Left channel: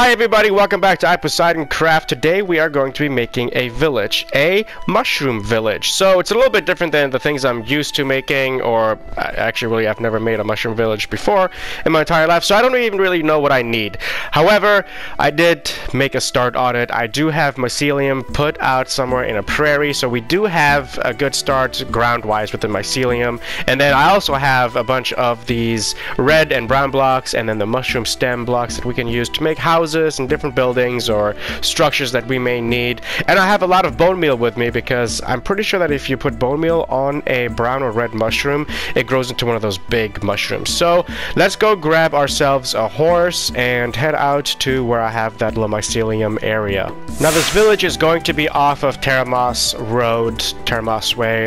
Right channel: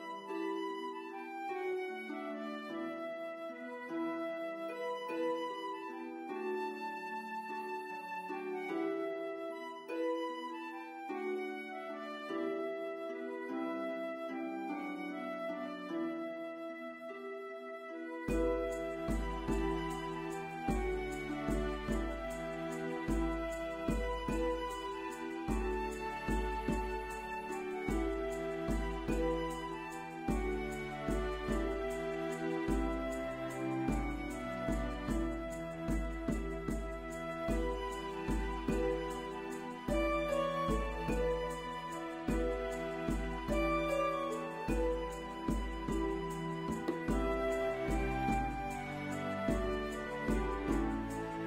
Hi everybody, welcome back to iPoseidonCraft. Today we are going to be making a village, a mushroom village. So it's a little bit different than the things I'm used to making, or actually really I've never made a mushroom village before in my entire life, so I don't even really know what I need. However, I did make a start on it. I do have mycelium put out somewhere in a prairie, so we do have a good start ground-wise with the mycelium. And then I also have a bunch of these red and brown blocks, and then the mushroom stem blocks that we can use to make houses and different buildings or structures that we may need. And I have a lot of bone meal with me because I'm pretty sure that if you put bone meal on a brown or red mushroom, it grows into one of those big mushrooms. So let's go grab ourselves a horse and head out to where I have that little mycelium area. Now this village is going to be off of Teramos Road, Teramos Way.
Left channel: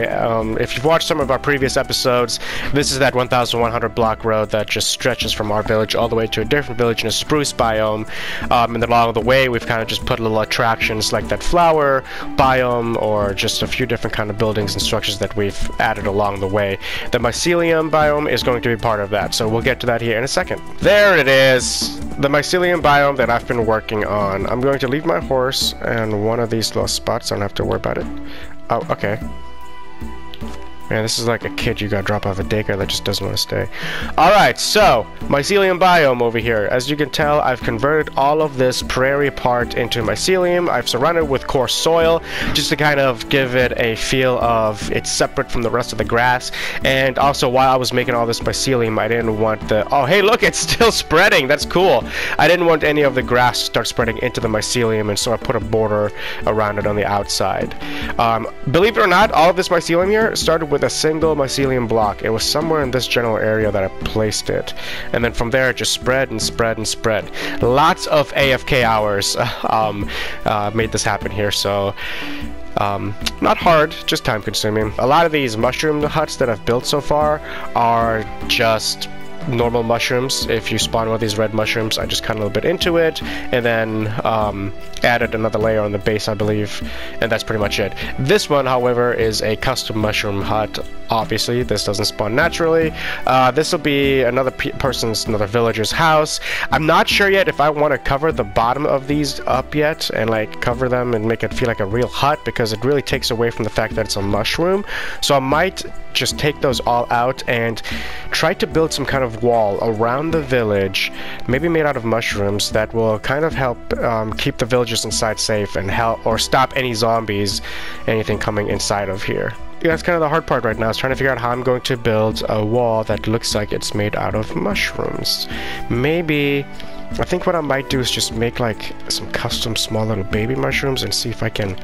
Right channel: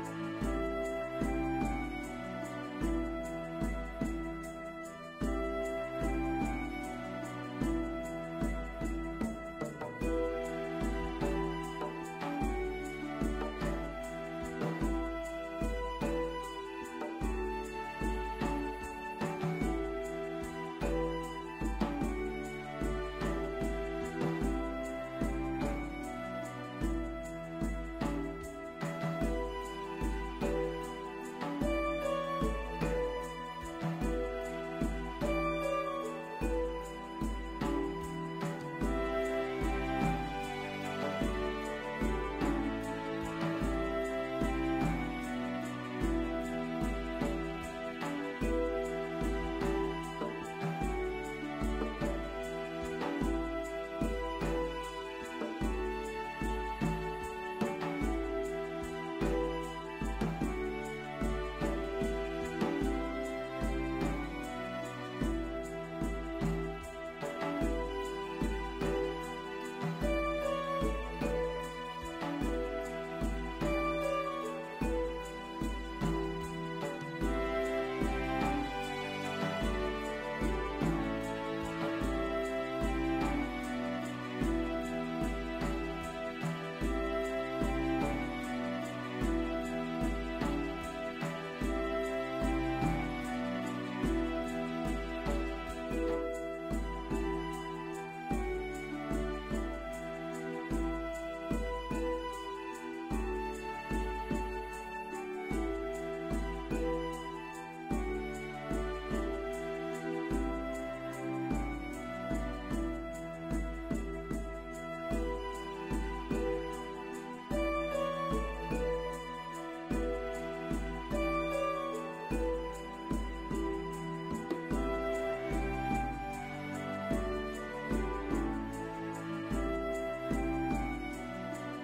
If you've watched some of our previous episodes, this is that 1100 block road that just stretches from our village all the way to a different village in a spruce biome. And then along the way we've kind of just put little attractions like that flower biome or just a few different kind of buildings and structures that we've added along the way. The mycelium biome is going to be part of that, so we'll get to that here in a second. There it is, the mycelium biome that I've been working on. I'm going to leave my horse in one of these little spots. I don't have to worry about it. Oh, okay. Man, this is like a kid you got dropped off a daycare that just doesn't want to stay. Alright, so, mycelium biome over here. As you can tell, I've converted all of this prairie part into mycelium. I've surrounded it with coarse soil, just to kind of give it a feel of it's separate from the rest of the grass. And also, while I was making all this mycelium, I didn't want the... Oh, hey, look, it's still spreading! That's cool! I didn't want any of the grass to start spreading into the mycelium, and so I put a border around it on the outside. Believe it or not, all of this mycelium here started with a single mycelium block. It was somewhere in this general area that I placed it, and then from there it just spread and spread and spread. Lots of AFK hours made this happen here, so not hard, just time consuming. A lot of these mushroom huts that I've built so far are just normal mushrooms. If you spawn one of these red mushrooms, I just cut a little bit into it and then added another layer on the base, I believe, and that's pretty much it. This one, however, is a custom mushroom hut. Obviously, this doesn't spawn naturally. This will be another another villager's house. I'm not sure yet if I want to cover the bottom of these up yet and like cover them and make it feel like a real hut, because it really takes away from the fact that it's a mushroom. So I might just take those all out and try to build some kind of wall around the village, maybe made out of mushrooms, that will kind of help keep the villagers inside safe and help or stop any zombies, anything coming inside of here. Yeah, that's kind of the hard part right now, is trying to figure out how I'm going to build a wall that looks like it's made out of mushrooms. Maybe, I think what I might do is just make like some custom small little baby mushrooms and see if I can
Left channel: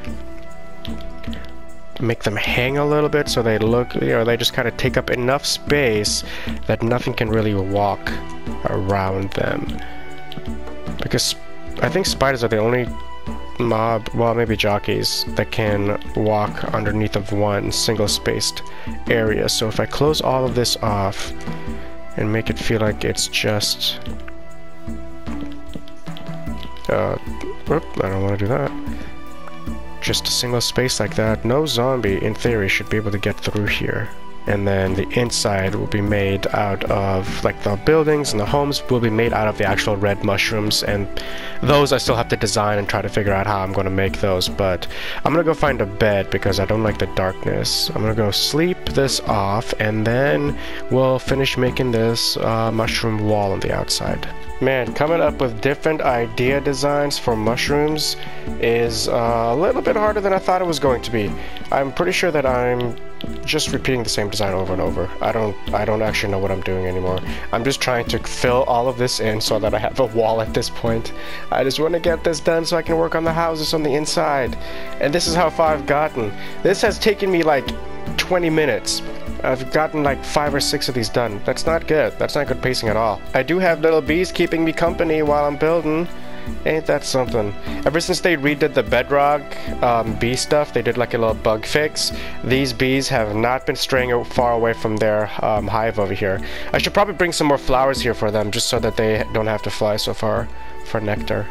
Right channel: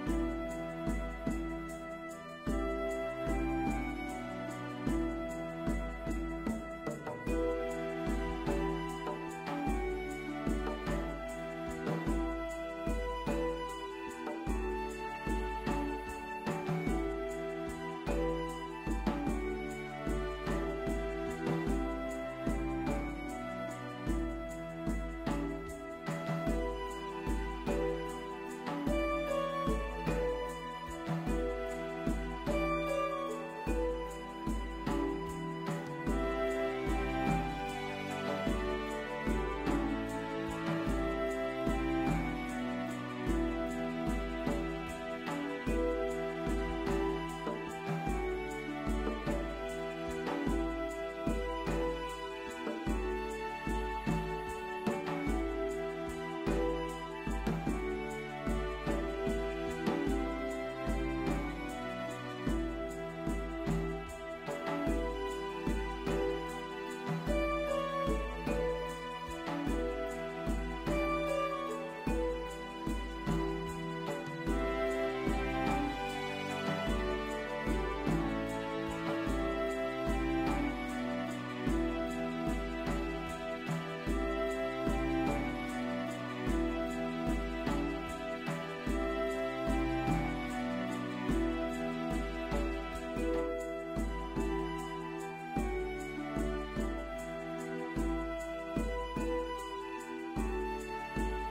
make them hang a little bit so they look, you know, they just kind of take up enough space that nothing can really walk around them. Because I think spiders are the only mob, well, maybe jockeys, that can walk underneath of one single spaced area. So if I close all of this off and make it feel like it's just whoop, I don't want to do that. Just a single space like that, no zombie in theory should be able to get through here. And then the inside will be made out of, like, the buildings and the homes will be made out of the actual red mushrooms, and those I still have to design and try to figure out how I'm going to make those. But I'm going to go find a bed because I don't like the darkness. I'm going to go sleep this off, and then we'll finish making this mushroom wall on the outside. Man, coming up with different idea designs for mushrooms is a little bit harder than I thought it was going to be. I'm pretty sure that I'm just repeating the same design over and over. I don't actually know what I'm doing anymore. I'm just trying to fill all of this in so that I have a wall at this point. I just want to get this done so I can work on the houses on the inside. And this is how far I've gotten. This has taken me like 20 minutes. I've gotten like 5 or 6 of these done. That's not good. That's not good pacing at all. I do have little bees keeping me company while I'm building. Ain't that something? Ever since they redid the bedrock bee stuff, they did like a little bug fix. These bees have not been straying far away from their hive over here. I should probably bring some more flowers here for them, just so that they don't have to fly so far for nectar.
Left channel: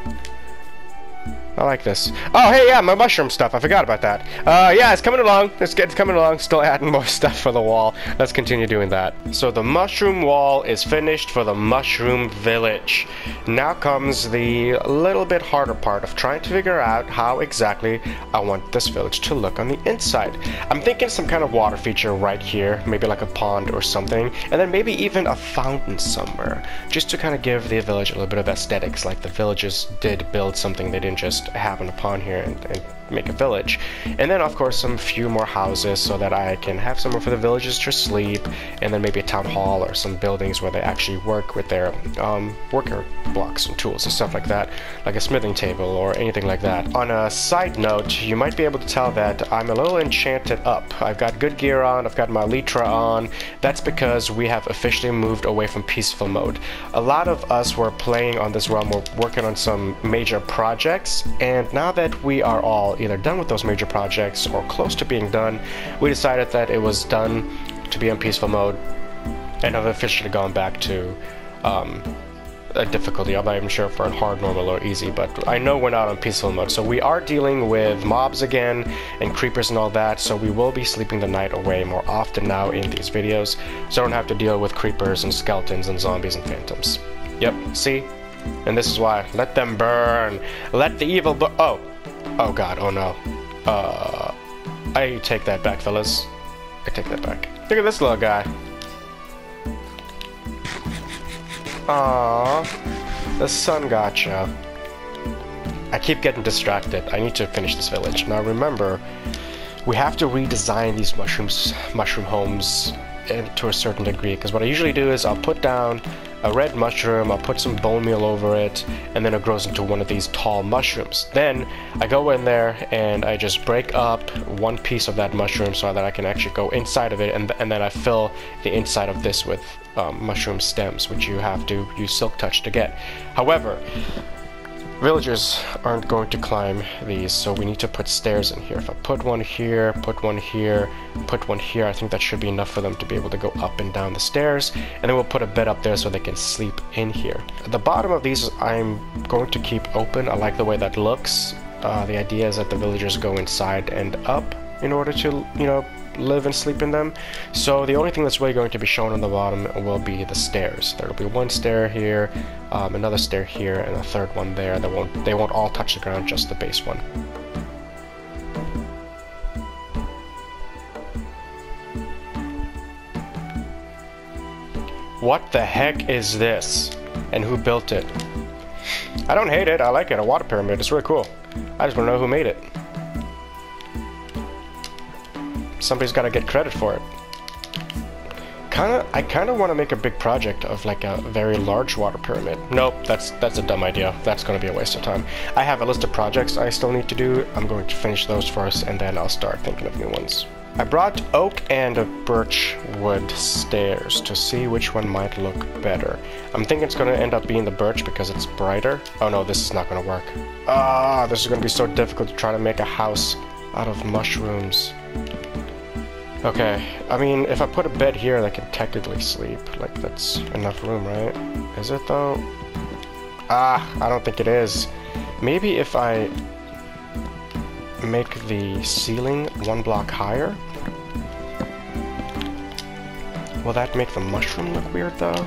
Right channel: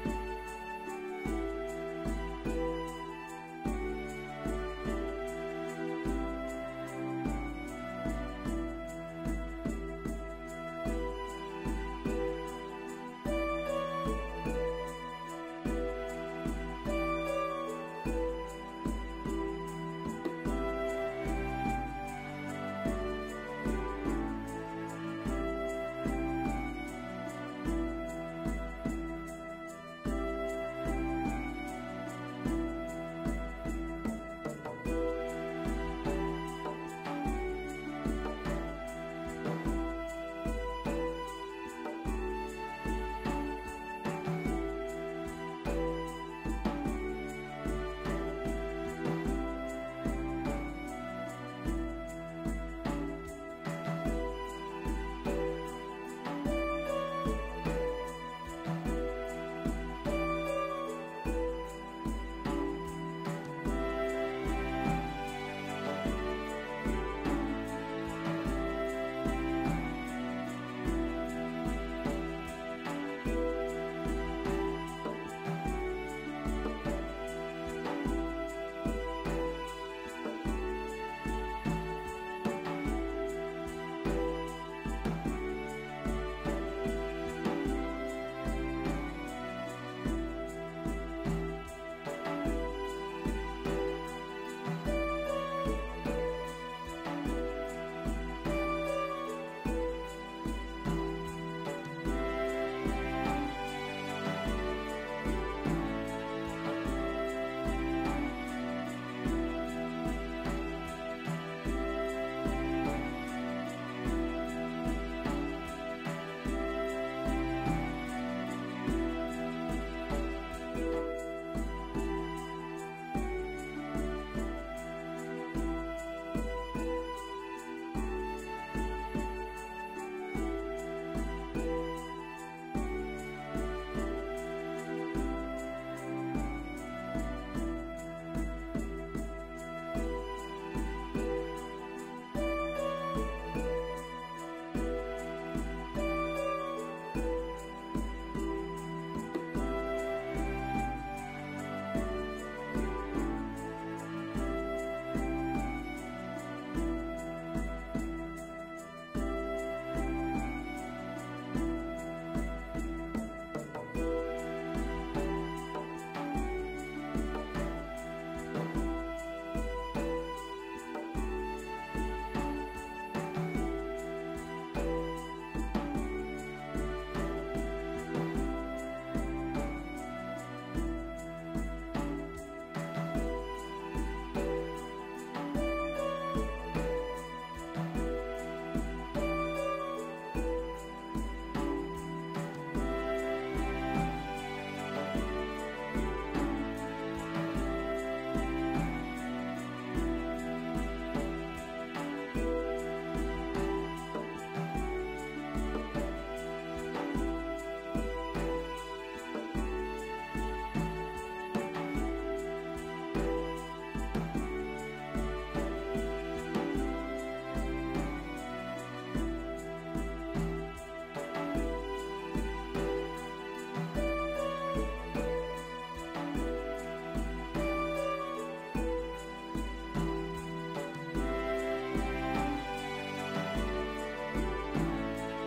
I like this. Oh, hey, yeah, my mushroom stuff. I forgot about that. Yeah, it's coming along. It's coming along. Still adding more stuff for the wall. Let's continue doing that. So the mushroom wall is finished for the mushroom village. Now comes the little bit harder part of trying to figure out how exactly I want this village to look on the inside. I'm thinking some kind of water feature right here, maybe like a pond or something, and then maybe even a fountain somewhere, just to kind of give the village a little bit of aesthetics, like the villagers did build something. They didn't just happen upon here and make a village. And then of course some few more houses so that I can have somewhere for the villagers to sleep, and then maybe a town hall or some buildings where they actually work with their worker blocks and tools and stuff like that, like a smithing table or anything like that. On a side note, you might be able to tell that I'm a little enchanted up. I've got good gear on, I've got my Elytra on. That's because we have officially moved away from peaceful mode. A lot of us were playing on this realm, we're working on some major projects, and now that we are all either done with those major projects or close to being done, we decided that it was done to be in peaceful mode, and have officially gone back to a difficulty. I'm not even sure if we're in hard, normal, or easy, but I know we're not on peaceful mode. So we are dealing with mobs again and creepers and all that, so we will be sleeping the night away more often now in these videos, so I don't have to deal with creepers and skeletons and zombies and phantoms. Yep, see? And this is why. Let them burn. Let the evil burn. Oh god, oh no. I take that back, fellas. I take that back. Look at this little guy. Aww. The sun gotcha. I keep getting distracted. I need to finish this village. Now remember, we have to redesign these mushroom homes to a certain degree, because what I usually do is I'll put down a red mushroom, I'll put some bone meal over it, and then it grows into one of these tall mushrooms. Then I go in there and I just break up one piece of that mushroom so that I can actually go inside of it, and then I fill the inside of this with mushroom stems, which you have to use Silk Touch to get. However, villagers aren't going to climb these, so we need to put stairs in here. If I put one here, put one here, put one here, I think that should be enough for them to be able to go up and down the stairs, and then we'll put a bed up there so they can sleep in here. At the bottom of these I'm going to keep open. I like the way that looks. The idea is that the villagers go inside and up in order to, you know, live and sleep in them. So the only thing that's really going to be shown on the bottom will be the stairs. There will be one stair here, another stair here, and a third one there. They won't all touch the ground, just the base one. What the heck is this? And who built it? I don't hate it, I like it. A water pyramid, it's really cool. I just want to know who made it. Somebody's got to get credit for it. I kind of want to make a big project of like a very large water pyramid. Nope, that's a dumb idea. That's going to be a waste of time. I have a list of projects I still need to do. I'm going to finish those first, and then I'll start thinking of new ones. I brought oak and birch wood stairs to see which one might look better. I'm thinking it's going to end up being the birch because it's brighter. Oh no, this is not going to work. This is going to be so difficult to try to make a house out of mushrooms. Okay, I mean, if I put a bed here, they can technically sleep. Like, that's enough room, right? Is it, though? I don't think it is. Maybe if I make the ceiling one block higher? Will that make the mushroom look weird, though?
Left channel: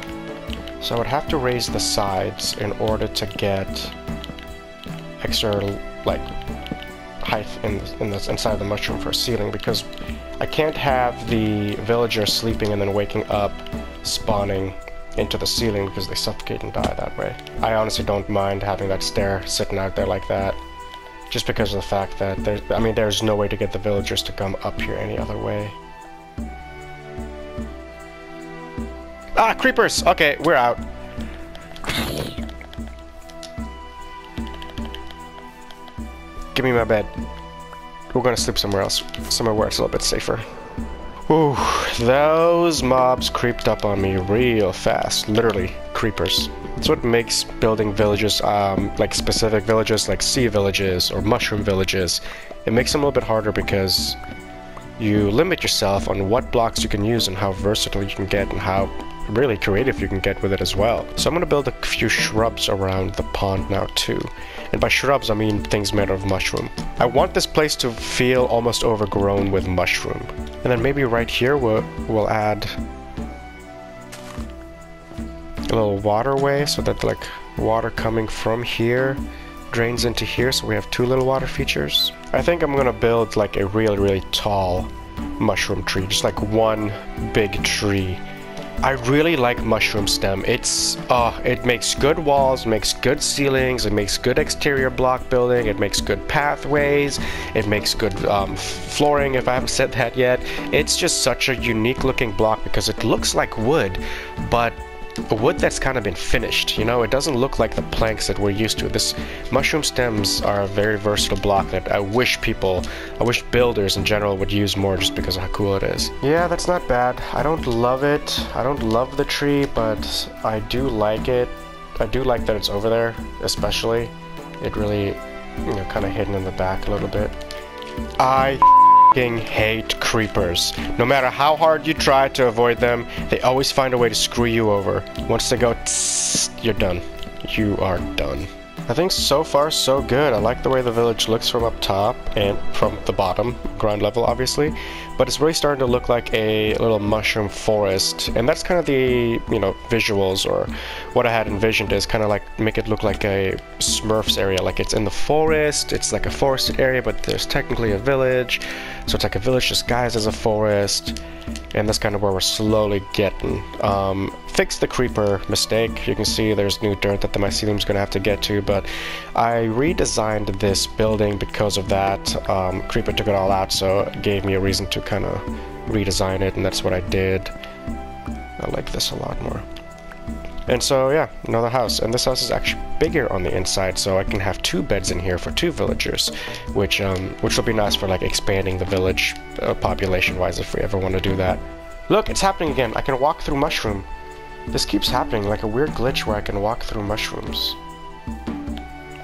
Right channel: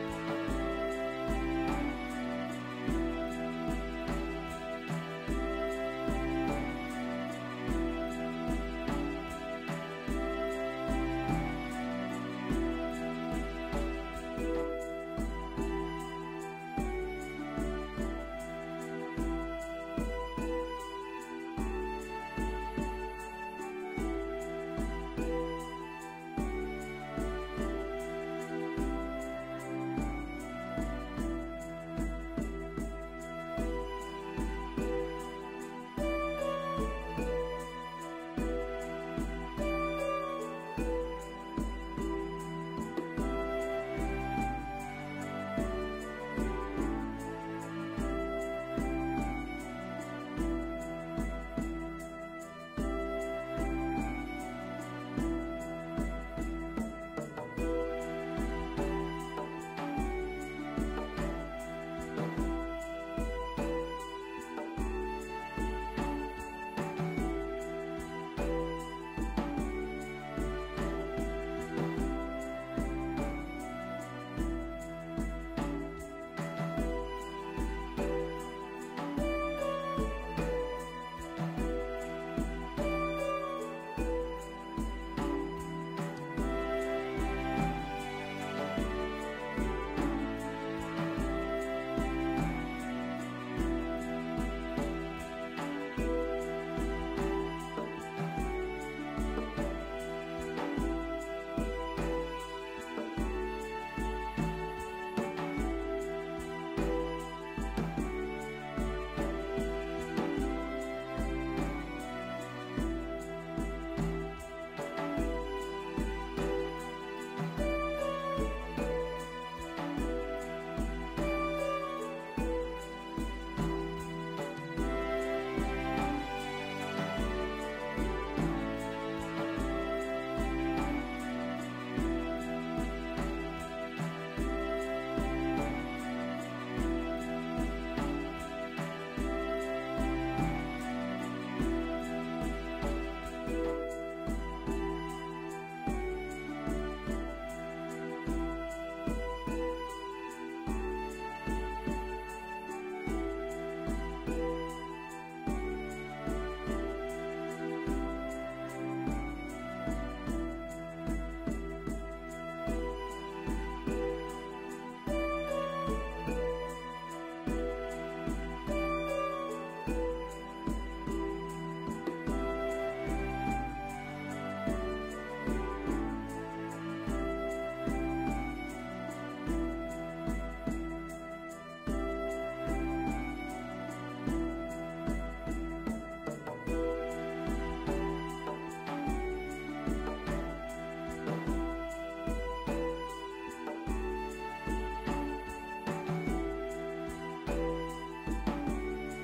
So I would have to raise the sides in order to get extra, like, height inside the mushroom for a ceiling, because I can't have the villagers sleeping and then waking up, spawning into the ceiling because they suffocate and die that way. I honestly don't mind having that stair sitting out there like that, just because of the fact that there's no way to get the villagers to come up here any other way. Ah, creepers! Okay, we're out. Give me my bed. We're gonna sleep somewhere else. Somewhere where it's a little bit safer. Ooh, those mobs creeped up on me real fast. Literally, creepers. That's what makes building villages, like specific villages, like sea villages or mushroom villages. It makes them a little bit harder because you limit yourself on what blocks you can use and how versatile you can get and how really creative you can get with it as well. So I'm gonna build a few shrubs around the pond now too. And by shrubs, I mean things made of mushroom. I want this place to feel almost overgrown with mushroom. And then maybe right here we'll add a little waterway so that like water coming from here drains into here, so we have two little water features. I think I'm gonna build like a really tall mushroom tree, just like one big tree. I really like mushroom stem. It makes good walls, makes good ceilings, it makes good exterior block building, it makes good pathways, it makes good flooring, if I haven't said that yet. It's just such a unique looking block because it looks like wood, but a wood that's kind of been finished, you know. It doesn't look like the planks that we're used to. This mushroom stems are a very versatile block that I wish builders in general would use more, just because of how cool it is. Yeah, that's not bad. I don't love it. I don't love the tree, but I do like it. I do like that it's over there, especially. It really, you know, kind of hidden in the back a little bit. I hate creepers. No matter how hard you try to avoid them, they always find a way to screw you over. Once they go tss, you're done. You are done. I think so far so good. I like the way the village looks from up top and from the bottom, ground level obviously, but it's really starting to look like a little mushroom forest, and that's kind of the, you know, visuals, or what I had envisioned is kind of like make it look like a Smurfs area, like it's in the forest, it's like a forested area, but there's technically a village, so it's like a village disguised as a forest, and that's kind of where we're slowly getting. Fix the creeper mistake. You can see there's new dirt that the mycelium's gonna have to get to, but I redesigned this building because of that. Creeper took it all out, so it gave me a reason to kind of redesign it, and that's what I did. I like this a lot more. And so yeah, another house, and this house is actually bigger on the inside, so I can have 2 beds in here for 2 villagers, which will be nice for like expanding the village population wise if we ever want to do that. Look, it's happening again. I can walk through mushroom. This keeps happening, like a weird glitch where I can walk through mushrooms.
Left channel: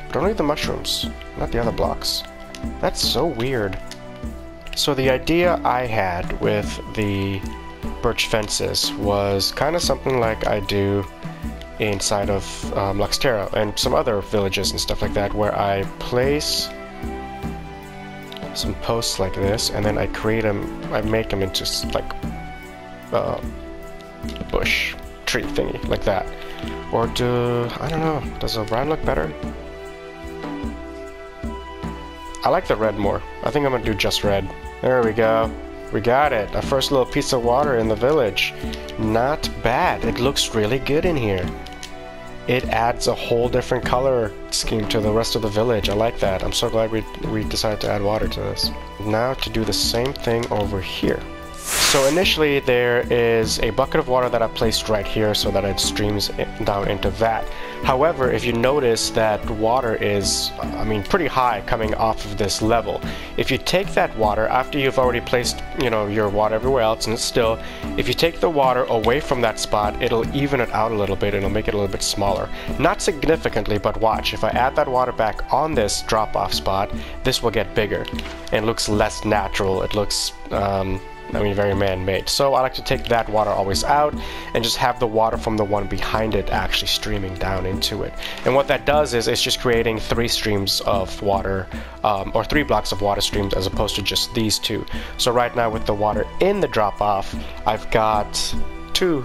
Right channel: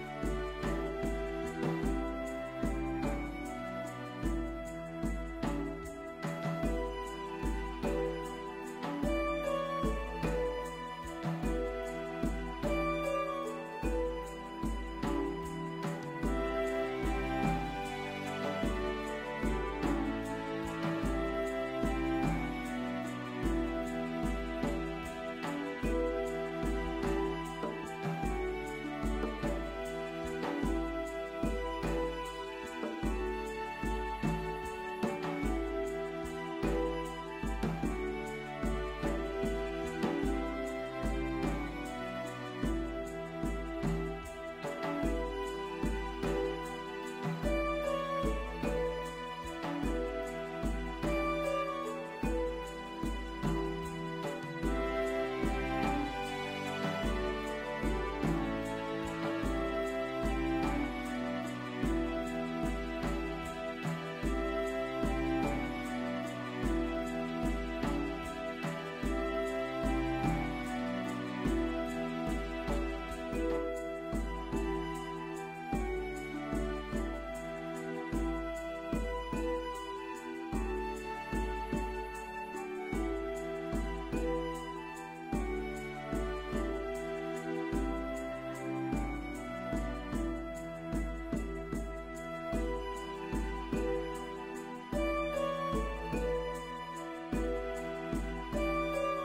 But only the mushrooms, not the other blocks. That's so weird. So the idea I had with the birch fences was kind of something like I do inside of Luxterra and some other villages and stuff like that, where I place some posts like this, and then I make them into like a bush tree thingy like that. Or I don't know, does a brown look better? I like the red more. I think I'm gonna do just red. There we go. We got it. Our first little piece of water in the village. Not bad. It looks really good in here. It adds a whole different color scheme to the rest of the village. I like that. I'm so glad we decided to add water to this. Now to do the same thing over here. So initially there is a bucket of water that I placed right here so that it streams down into that. However, if you notice that water is, pretty high coming off of this level. If you take that water, after you've already placed, your water everywhere else and it's still, if you take the water away from that spot, it'll even it out a little bit and it'll make it a little bit smaller. Not significantly, but watch. If I add that water back on this drop-off spot, this will get bigger and looks less natural. It looks, very man-made. So I like to take that water always out and just have the water from the one behind it actually streaming down into it. And what that does is it's just creating 3 streams of water, or 3 blocks of water streams as opposed to just these 2. So right now with the water in the drop-off, I've got 2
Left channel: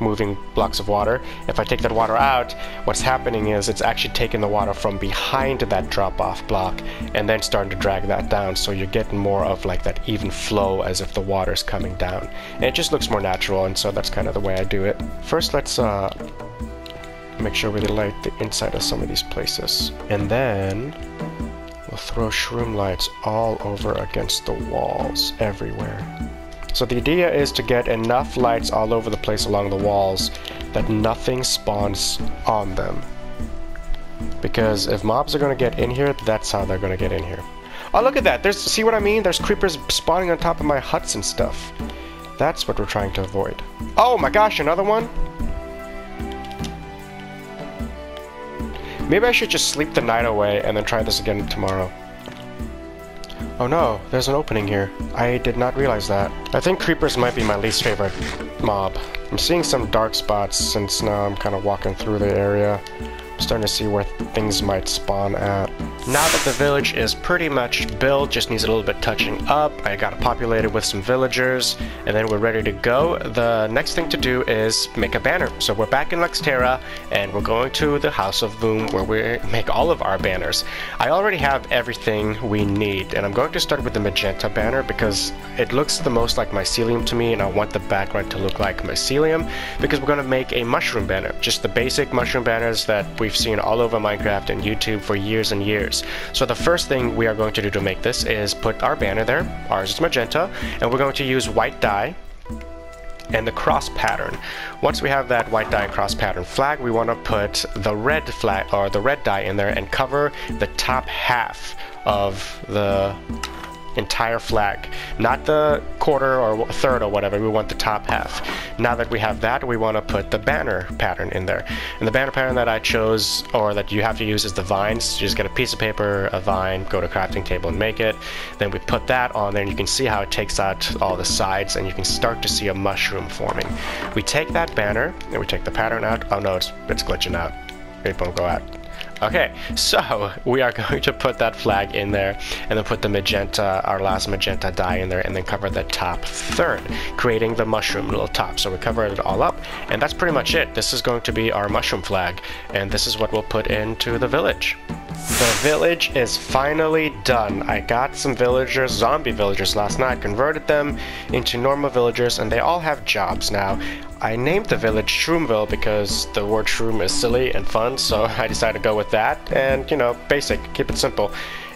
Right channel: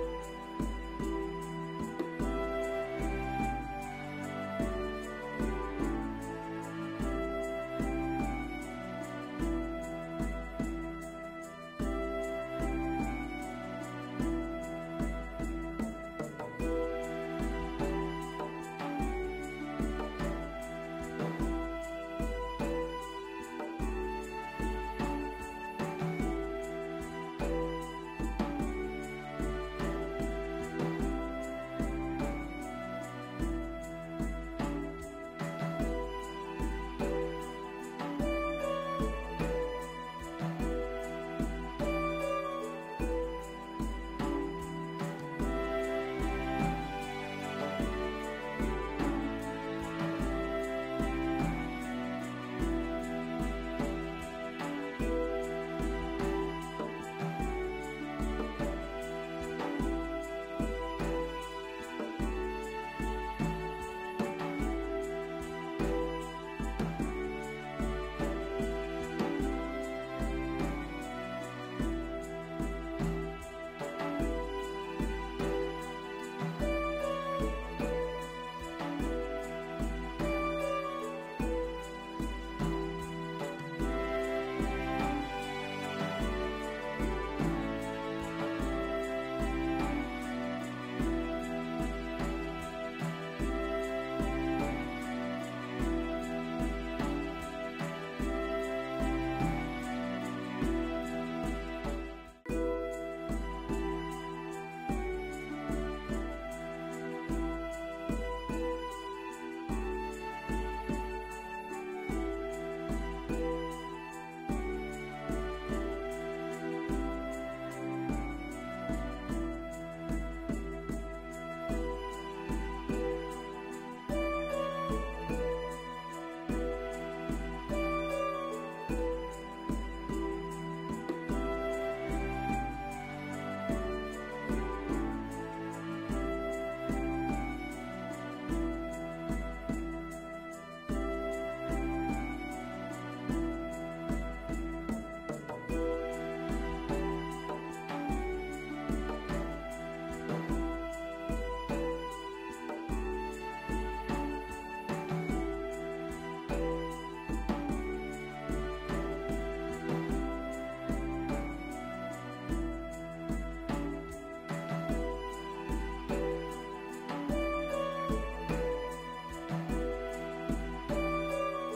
moving blocks of water. If I take that water out, what's happening is it's actually taking the water from behind that drop-off block and then starting to drag that down, so you're getting more of like that even flow as if the water's coming down. And it just looks more natural, and so that's kind of the way I do it. First, let's make sure we light the inside of some of these places. And then we'll throw shroom lights all over against the walls everywhere. So the idea is to get enough lights all over the place along the walls that nothing spawns on them. Because if mobs are going to get in here, that's how they're going to get in here. Oh, look at that! See what I mean? There's creepers spawning on top of my huts and stuff. That's what we're trying to avoid. Oh my gosh, another one? Maybe I should just sleep the night away and then try this again tomorrow. Oh no, there's an opening here. I did not realize that. I think creepers might be my least favorite mob. I'm seeing some dark spots since now I'm kind of walking through the area. I'm starting to see where things might spawn at. Now that the village is pretty much built, just needs a little bit touching up. I got it populated with some villagers, and then we're ready to go. The next thing to do is make a banner. So we're back in Luxterra, and we're going to the House of Voom, where we make all of our banners. I already have everything we need, and I'm going to start with the magenta banner because it looks the most like mycelium to me, and I want the background to look like mycelium, because we're going to make a mushroom banner. Just the basic mushroom banners that we've seen all over Minecraft and YouTube for years and years. So the first thing we are going to do to make this is put our banner there. Ours is magenta, and we're going to use white dye and the cross pattern. Once we have that white dye and cross pattern flag, we want to put the red flag or the red dye in there and cover the top half of the entire flag, not the quarter or third or whatever. We want the top half. Now that we have that, we want to put the banner pattern in there, and the banner pattern that I chose, or that you have to use, is the vines. You just get a piece of paper, a vine, go to crafting table and make it. Then we put that on there, and you can see how it takes out all the sides, and you can start to see a mushroom forming. We take that banner and we take the pattern out. Oh no, it's glitching out. It won't go out. Okay, so we are going to put that flag in there, and then put the magenta, our last magenta dye in there, and then cover the top third, creating the mushroom little top. So we cover it all up, and that's pretty much it. This is going to be our mushroom flag, and this is what we'll put into the village. The village is finally done. I got some villagers, zombie villagers last night, converted them into normal villagers, and they all have jobs now. I named the village Shroomville because the word shroom is silly and fun, so I decided to go with that, and you know, basic, keep it simple.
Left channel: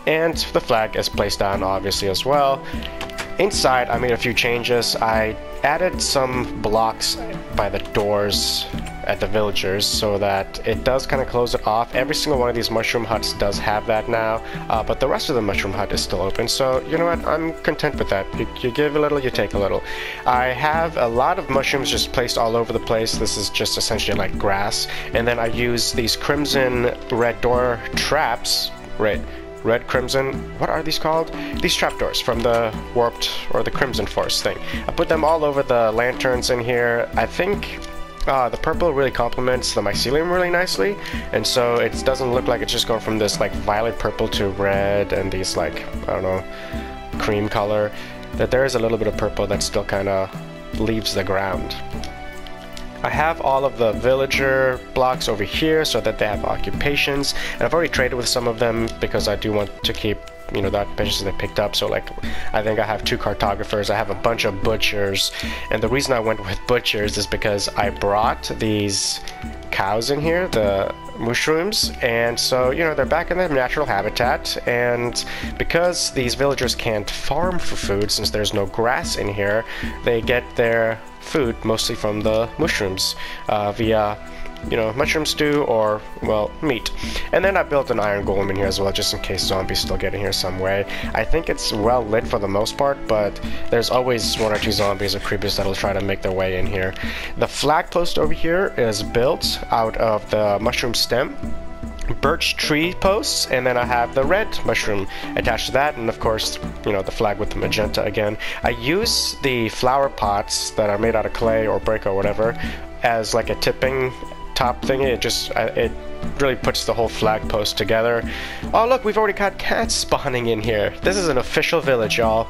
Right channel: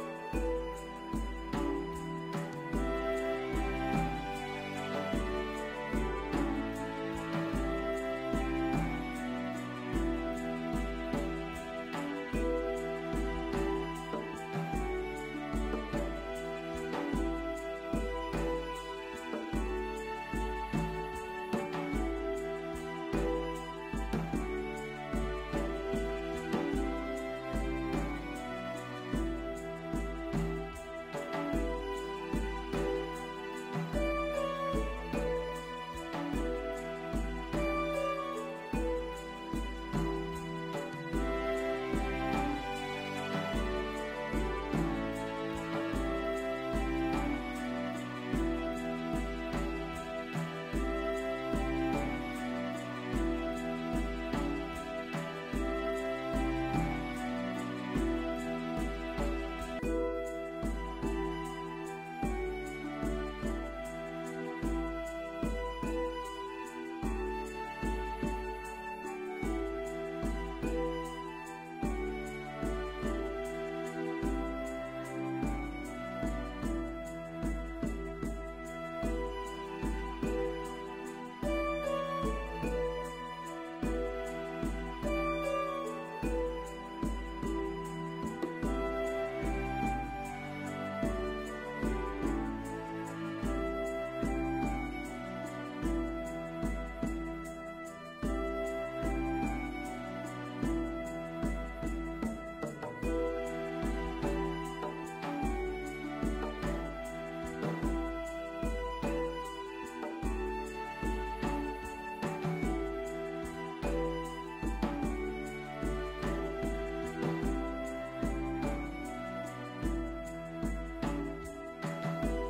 And the flag is placed down obviously as well. Inside I made a few changes. I added some blocks by the doors at the villagers so that it does kind of close it off. Every single one of these mushroom huts does have that now, but the rest of the mushroom hut is still open, so you know what, I'm content with that. You give a little, you take a little. I have a lot of mushrooms just placed all over the place. This is just essentially like grass, and then I use these crimson red door traps, red crimson, what are these called? These trapdoors from the warped or the Crimson Force thing. I put them all over the lanterns in here. I think the purple really complements the mycelium really nicely, and so it doesn't look like it's just going from this like violet purple to red and these like, I don't know, cream color, that there is a little bit of purple that still kind of leaves the ground. I have all of the villager blocks over here so that they have occupations, and I've already traded with some of them because I do want to keep, you know, the occupations they picked up. So like, I think I have 2 cartographers, I have a bunch of butchers, and the reason I went with butchers is because I brought these cows in here, the mushrooms, and so, you know, they're back in their natural habitat, and because these villagers can't farm for food since there's no grass in here, they get their food mostly from the mushrooms via, you know, mushroom stew or, well, meat. And then I built an iron golem in here as well, just in case zombies still get in here some way. I think it's well lit for the most part, but there's always 1 or 2 zombies or creepers that'll try to make their way in here. The flag post over here is built out of the mushroom stem, birch tree posts, and then I have the red mushroom attached to that, and of course, you know, the flag with the magenta again. I use the flower pots that are made out of clay or brick or whatever as like a tipping top thingy. It really puts the whole flag post together. Oh look, we've already got cats spawning in here. This is an official village, y'all.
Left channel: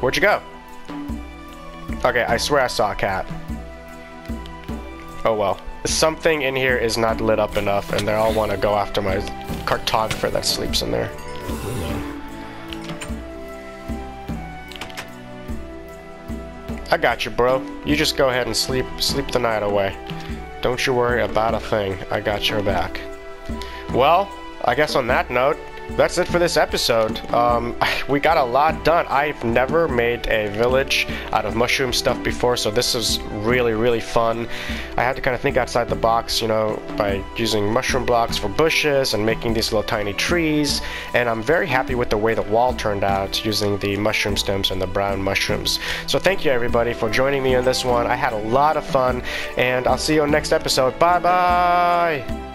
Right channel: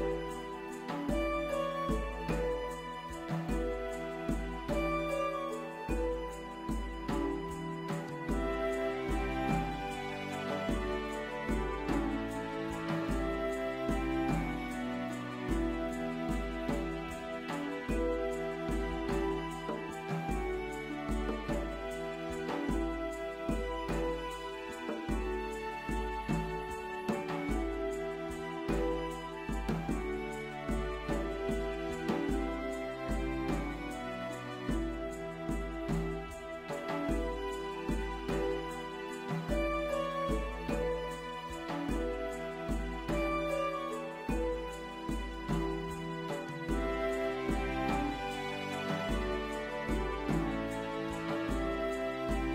Where'd you go? Okay, I swear I saw a cat. Oh well. Something in here is not lit up enough, and they all want to go after my cartographer that sleeps in there. I got you, bro. You just go ahead and sleep the night away. Don't you worry about a thing. I got your back. Well, I guess on that note, that's it for this episode. We got a lot done. I've never made a village out of mushroom stuff before, so this is really fun. I had to kind of think outside the box, you know, by using mushroom blocks for bushes and making these little tiny trees, and I'm very happy with the way the wall turned out using the mushroom stems and the brown mushrooms. So thank you everybody for joining me on this one. I had a lot of fun, and I'll see you on next episode. Bye bye!